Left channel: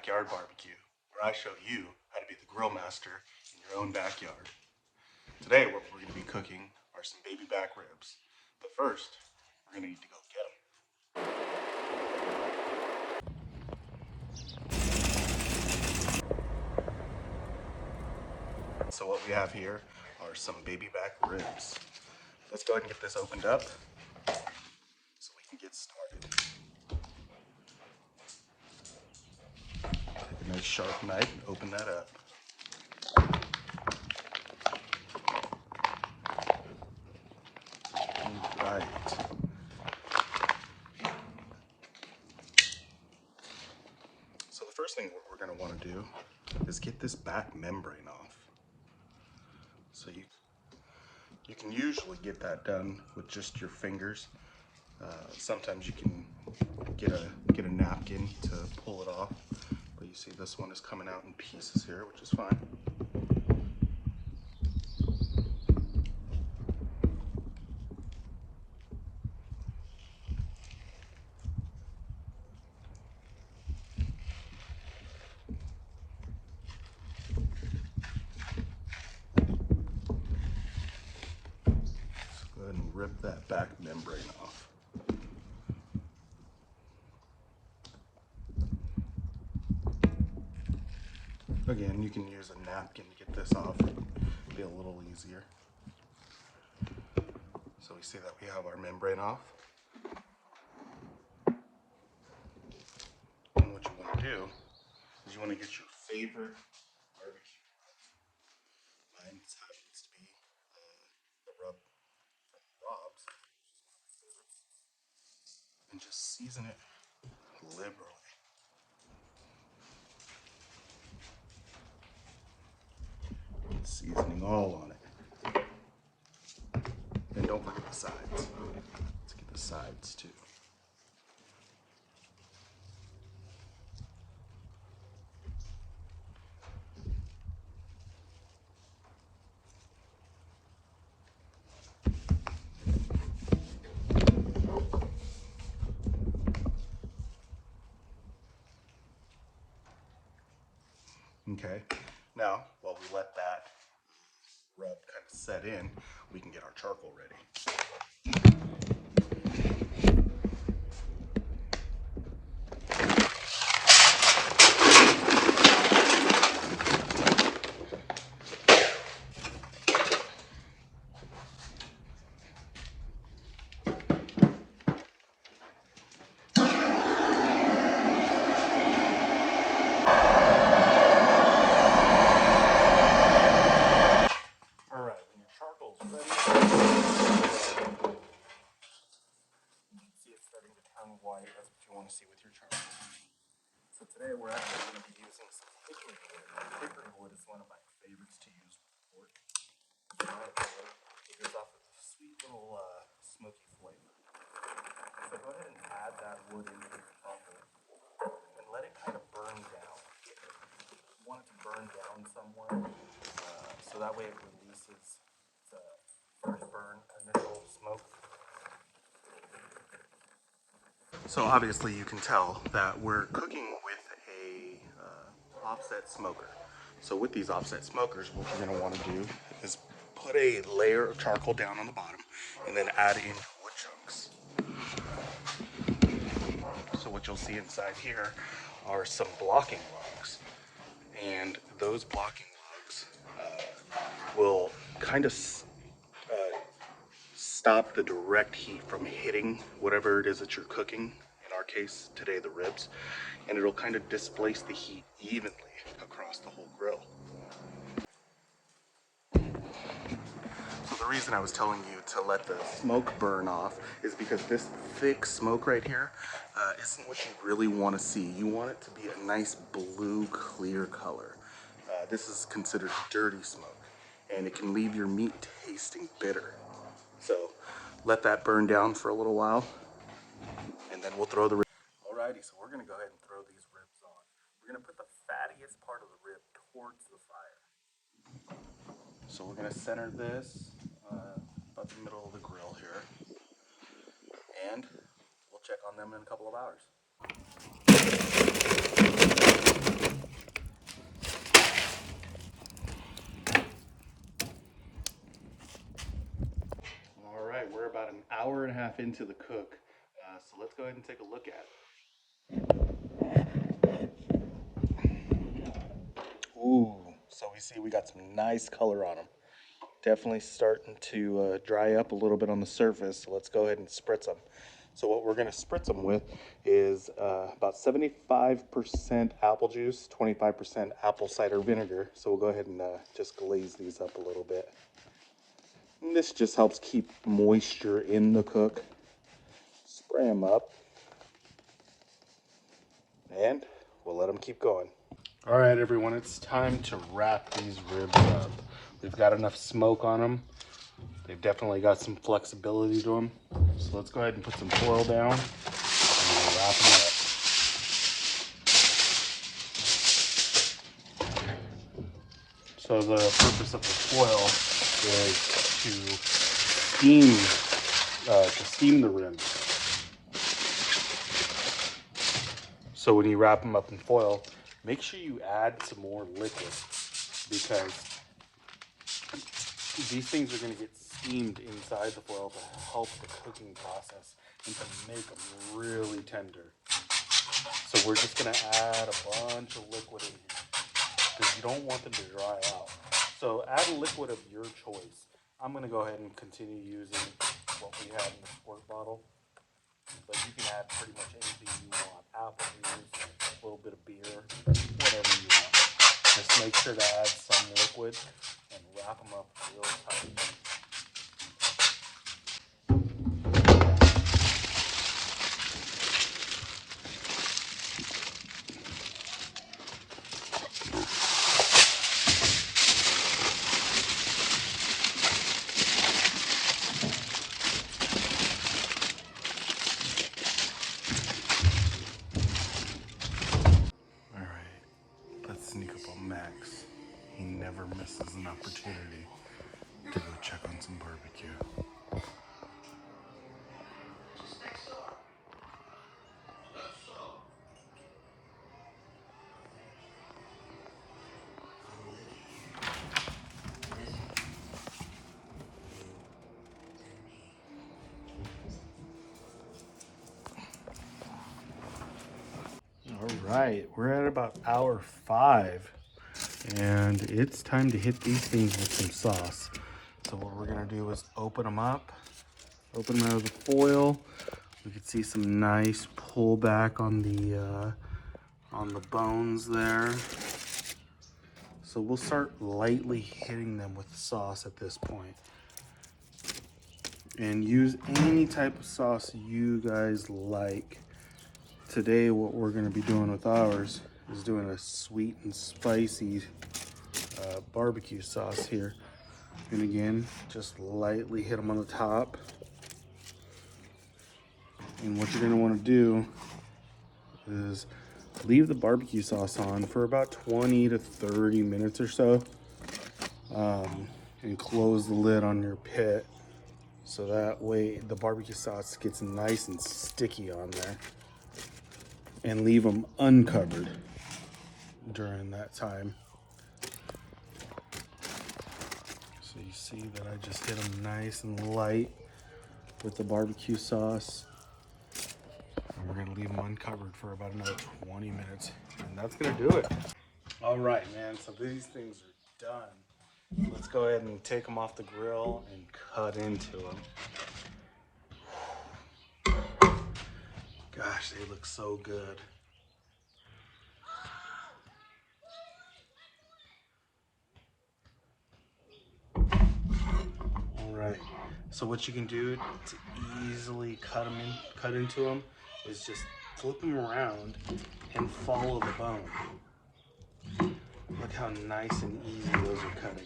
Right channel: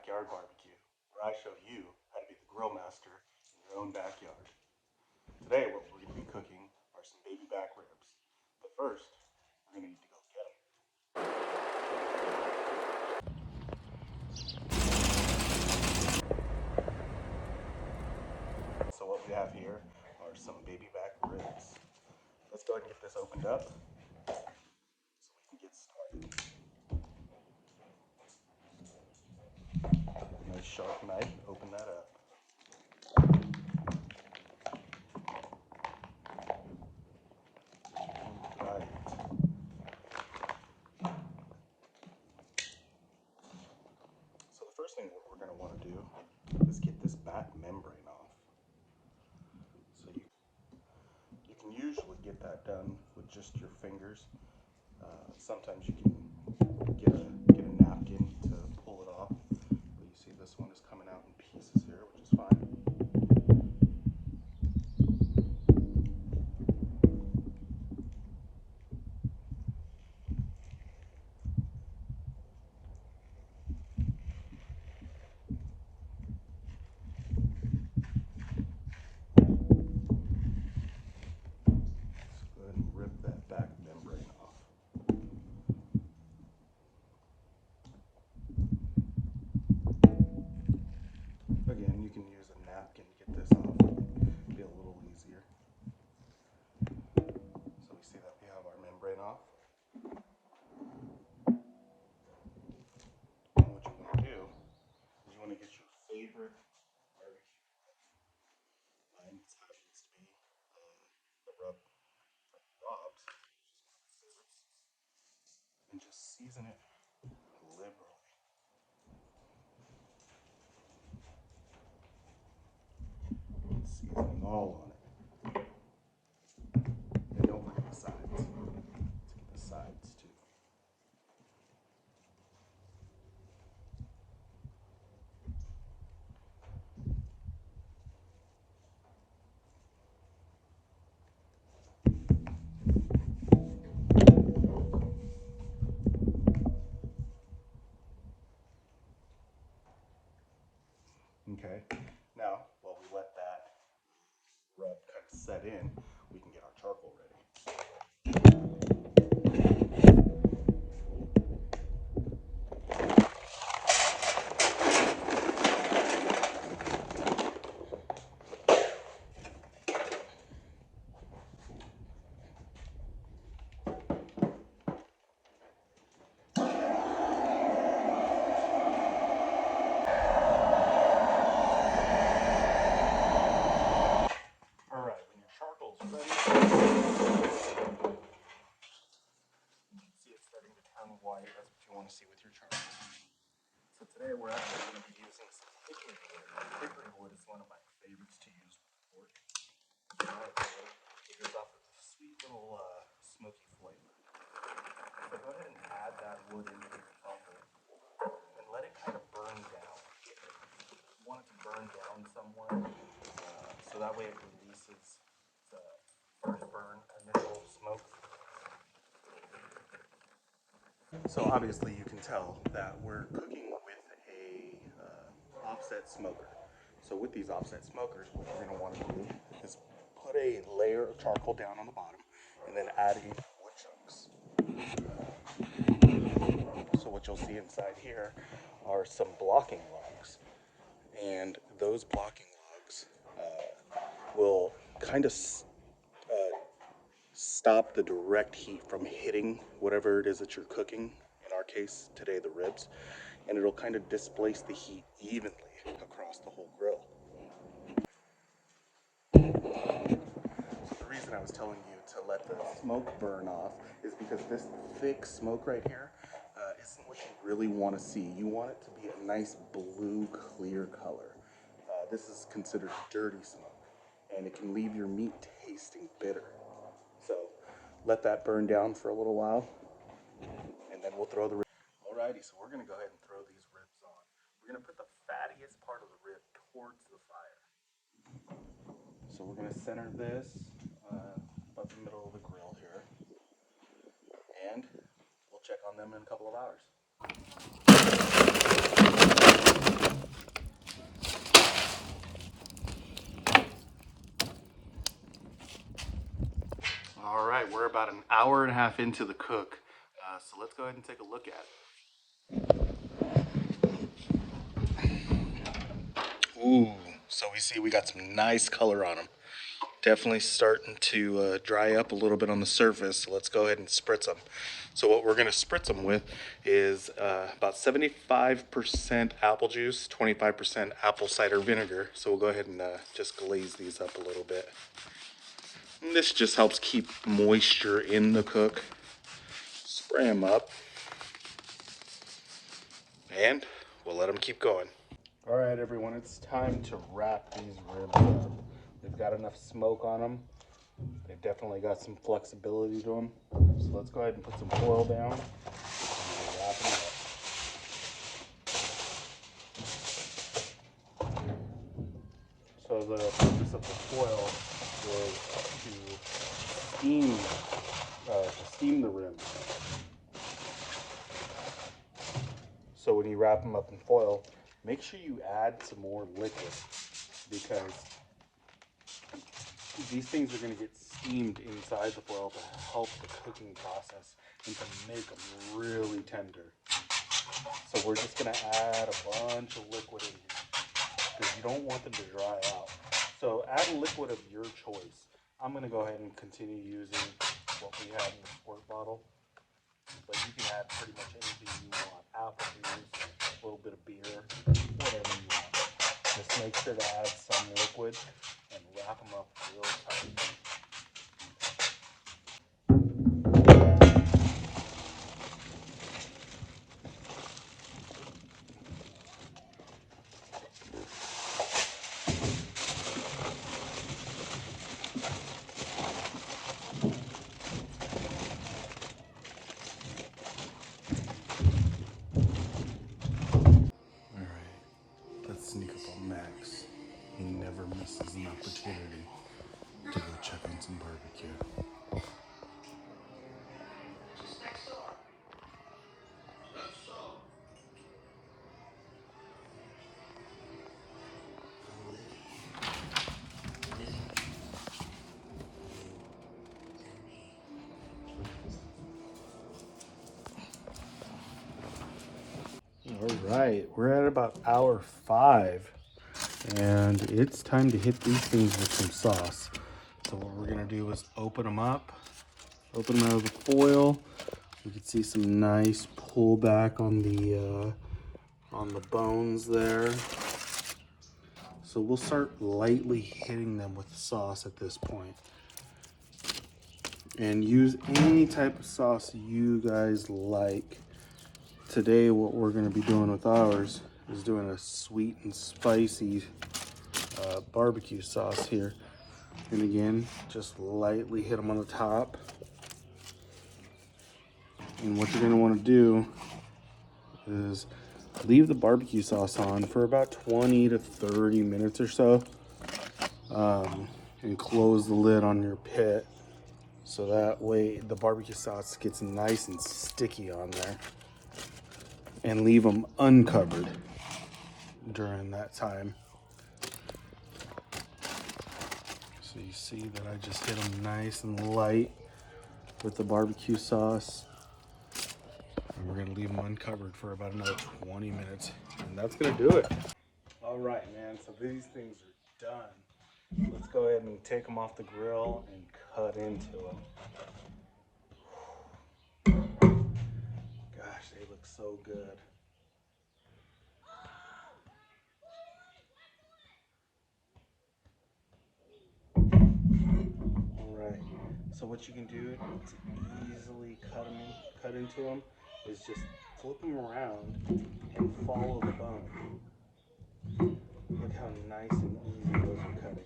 Backyard Barbecue, where I show you how to be the grill master in your own backyard. Today, what we're going to be cooking are some baby back ribs. But first, we're going to need to go get them. So what we have here are some baby back ribs. Let's go ahead and get this opened up so we can get started. Take a nice sharp knife, open that up. Right. So the first thing what we're going to want to do is get this back membrane off. So you can usually get that done with just your fingers. Sometimes you can get a napkin to pull it off, but you see this one is coming out in pieces here, which is fine. So go ahead and rip that back membrane off. Again, you can use a napkin to get this off. It'll be a little easier. So we see that we have our membrane off. And what you want to do is you want to get your favorite barbecue rub. Mine happens to be the rub from Rob's, and just season it liberally. Seasoning all on it. And don't forget the sides. Let's get the sides too. Okay, now while we let that rub kind of set in, we can get our charcoal ready. White, that's what you want to see with your charcoal. So today we're actually going to be using some hickory wood. Hickory wood is one of my favorites to use with pork. It gives off a sweet little smoky flavor. So go ahead and add that wood into your charcoal and let it kind of burn down. You want it to burn down somewhere, so that way it releases the first burn, initial smoke. So obviously you can tell that we're cooking with a offset smoker. So with these offset smokers, what we're going to want to do is put a layer of charcoal down on the bottom and then add in wood chunks. So what you'll see inside here are some blocking logs, and those blocking logs will kind of stop the direct heat from hitting whatever it is that you're cooking, in our case today the ribs, and it'll kind of displace the heat evenly across the whole grill. So the reason I was telling you to let the smoke burn off is because this thick smoke right here isn't what you really want to see. You want it to be a nice blue clear color. This is considered dirty smoke, and it can leave your meat tasting bitter. So let that burn down for a little while, and then we'll throw the ribs. Alrighty, so we're going to go ahead and throw these ribs on. We're going to put the fattiest part of the rib towards the fire. So we're going to center this about the middle of the grill here, and we'll check on them in a couple of hours. into the cook. So let's go ahead and take a look at it. Ooh, so we see we got some nice color on them. Definitely starting to dry up a little bit on the surface. So let's go ahead and spritz them. So what we're going to spritz them with is about 75% apple juice, 25% apple cider vinegar. So we'll go ahead and just glaze these up a little bit. And this just helps keep moisture in the cook. Spray them up. And we'll let them keep going. All right, everyone, it's time to wrap these ribs up. We've got enough smoke on them. They've definitely got some flexibility to them. So let's go ahead and put some foil down and we'll wrap them up. So the purpose of the foil is to steam the ribs. So when you wrap them up in foil, make sure you add some more liquid, because these things are going to get steamed inside the foil to help the cooking process and to make them really tender. So we're just going to add a bunch of liquid in here because you don't want them to dry out. So add a liquid of your choice. I'm going to go ahead and continue using what we had in the squirt bottle, but you can add pretty much anything you want. Apple juice, a little bit of beer, whatever you want. Just make sure to add some liquid and wrap them up real tight. All right, let's sneak up on Max. He never misses an opportunity to go check on some barbecue. All right, we're at about hour 5, and it's time to hit these things with some sauce. So what we're gonna do is open them up, open them out of the foil. You can see some nice pullback on the bones there. So we'll start lightly hitting them with the sauce at this point. And use any type of sauce you guys like. Today what we're going to be doing with ours is doing a sweet and spicy barbecue sauce here. And again, just lightly hit them on the top. And what you're going to want to do is leave the barbecue sauce on for about 20 to 30 minutes or so, and close the lid on your pit so that way the barbecue sauce gets nice and sticky on there, and leave them uncovered during that time. So you see that I just hit them nice and light with the barbecue sauce. And we're gonna leave them uncovered for about another 20 minutes. And that's gonna do it. All right, man, so these things are done. Let's go ahead and take them off the grill and cut into them. Gosh, they look so good. All right, so what you can do to easily cut into them is just flip them around and follow the bone. Look how nice and easy those are cutting.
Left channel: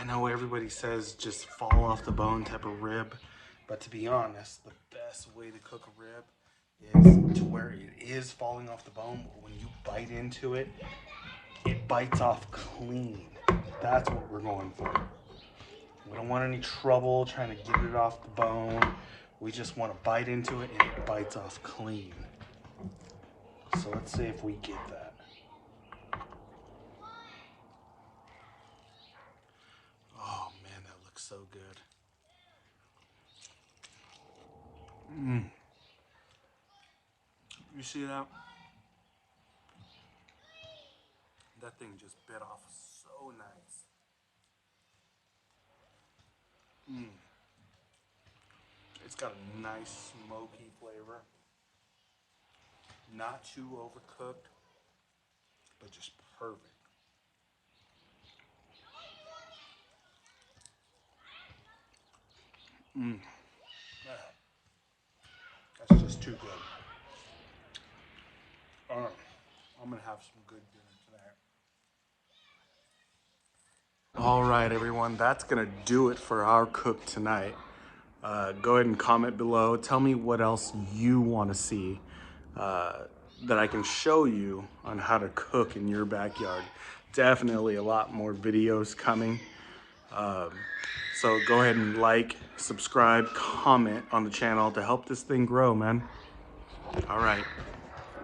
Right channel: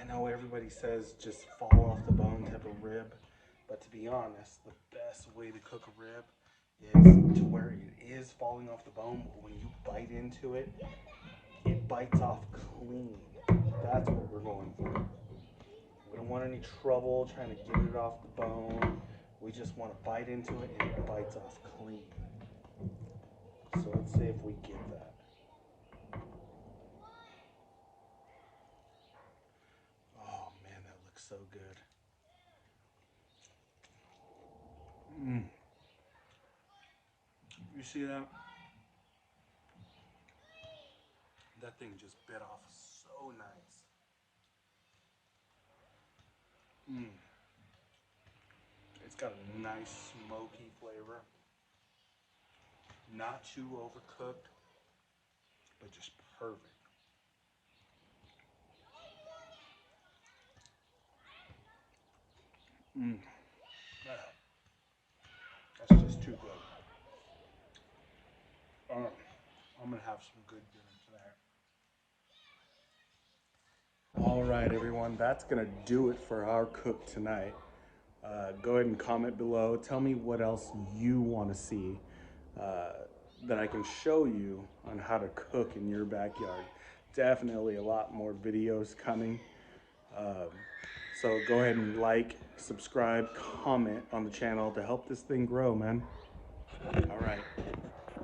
I know everybody says just fall off the bone type of rib, but to be honest, the best way to cook a rib is to where it is falling off the bone, but when you bite into it, it bites off clean. That's what we're going for. We don't want any trouble trying to get it off the bone. We just want to bite into it and it bites off clean. So let's see if we get that. Oh man, that looks so good. You see that? That thing just bit off so nice. It's got a nice smoky flavor. Not too overcooked, but just perfect. That's just too good. I'm gonna have some good dinner tonight. All right, everyone, that's gonna do it for our cook tonight. Go ahead and comment below. Tell me what else you want to see that I can show you on how to cook in your backyard. Definitely a lot more videos coming. So go ahead and like, subscribe, comment on the channel to help this thing grow, man. All right.